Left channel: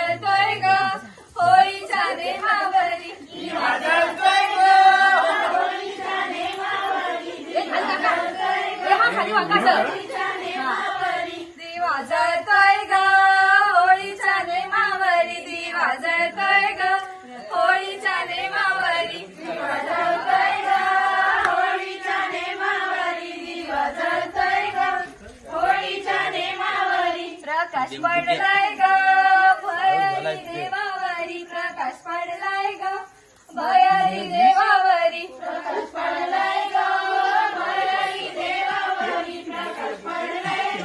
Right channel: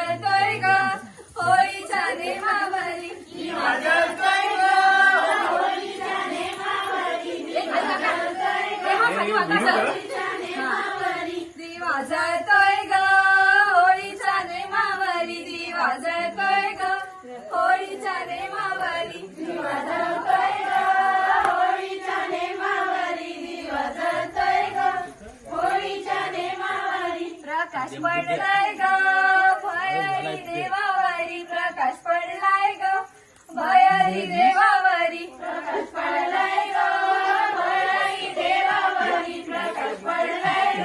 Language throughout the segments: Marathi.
कर ग होळीच्या देवावरी दिवा जळतोय ग होळीच्या नेमावरी. दिवा जळतोय ग होळीच्या नेमावरी. दिवा जळतोय प्रकाश पडलाय ग. देवावरी प्रकाश पडलाय ग. भयरी देवावरी प्रकाश पडलाय ग. भयरी देवावरी प्रकाश पडलाय ग.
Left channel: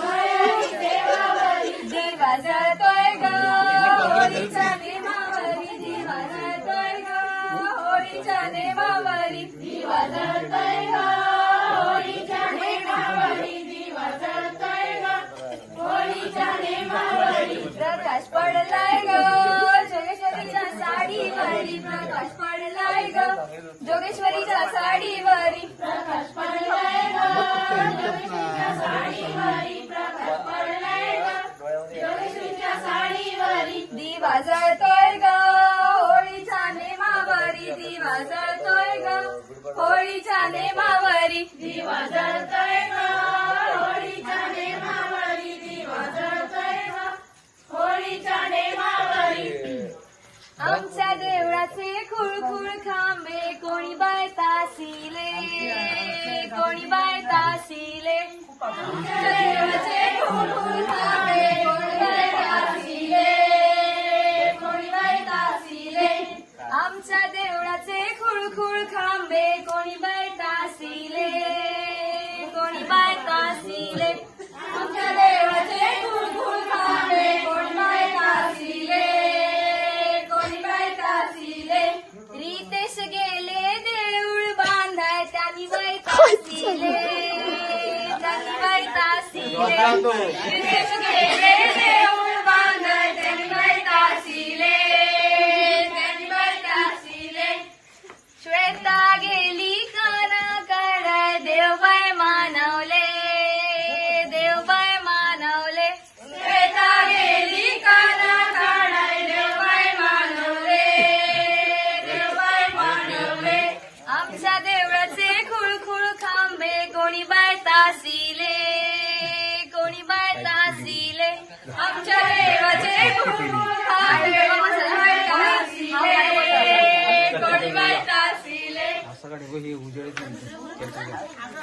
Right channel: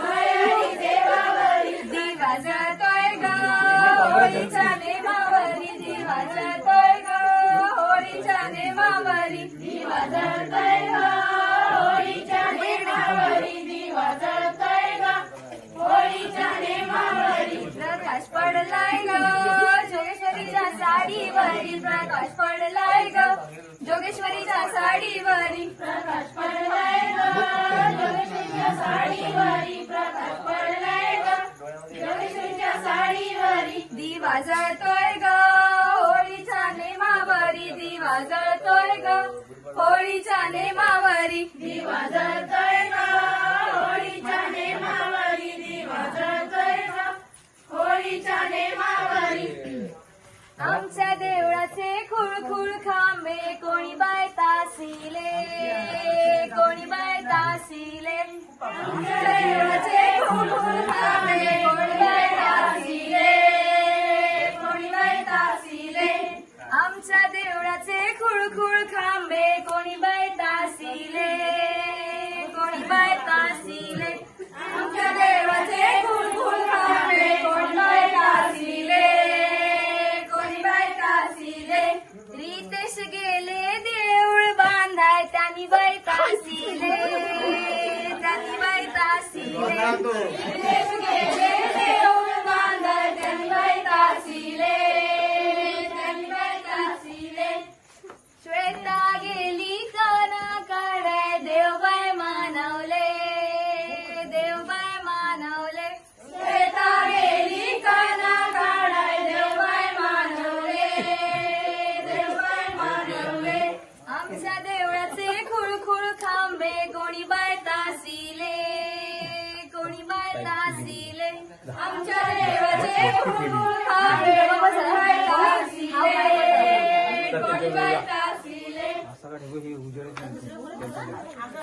भयरी देवावरी दिवा जळतोय ग. होळीच्या नेमावरी दिवा जळतोय ग. होळीच्या नेमावरी प्रकाश पडलाय ग. जोगेश्वरीच्या साडीवरी. प्रकाश पडलाय ग. जोगेश्वरीच्या साडीवरी. प्रकाश पडलाय ग. जोगेश्वरीच्या साडीवरी. दिवा जळतोय ग. होळीच्या नेमावरी. दिवा जळतोय ग. होळीच्या नेमावरी. दिवा जळतोय ग. होळीच्या नेमावरी. दिवा जळतोय ग. होळीच्या नेमावरी. आमच्या देव तासिले कोणी बाय तासिले आमच्या देवळाचे खुळखुळ खांबे कोणी बाय तासिले कोणी बाय तासिले आमच्या देवळाचे खुळखुळ खांबे कोणी kur khambe koni baita sile koni baita sile amcha deva je kur kur khambe koni baita sile